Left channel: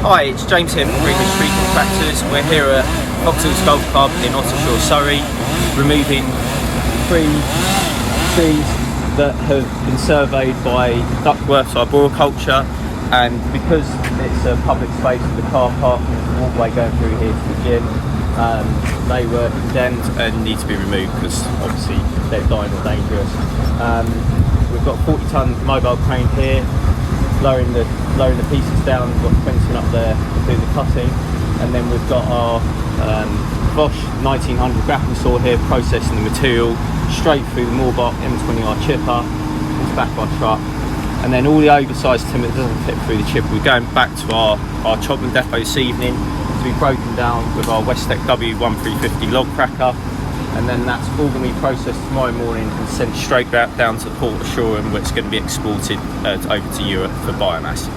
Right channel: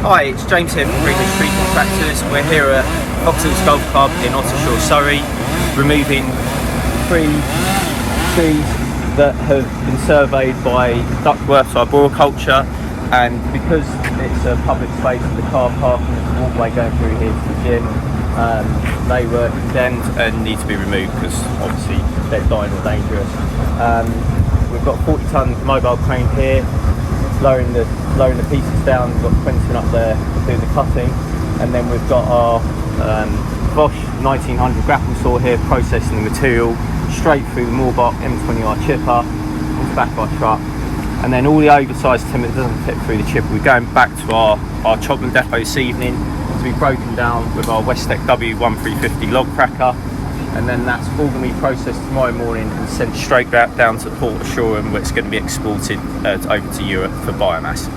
Hi, it's James here from Greenwood Street Contractors. We're here at Foxhills Golf Club in Ottershaw, Surrey, removing 3 trees that have been surveyed by Duckworth's Arboriculture, and because it's a public space with the car parking and the walkway going through here to the gym, they were condemned and need to be removed because obviously they're dying or dangerous. We've got a 40-ton mobile crane here, lowering the pieces down. We've got Quentin up there doing the cutting, and then we've got our Bosch 1900 grapple saw here processing the material straight through the Moorbach M20R chipper into the back of our truck, and then all the oversized timber that doesn't fit through the chipper, we're going back to our Chobham depot this evening to be broken down with our Westec W1350 log cracker, and then that's all going to be processed tomorrow morning and sent straight back down to the port of Shoreham, where it's going to be exported over to Europe for biomass.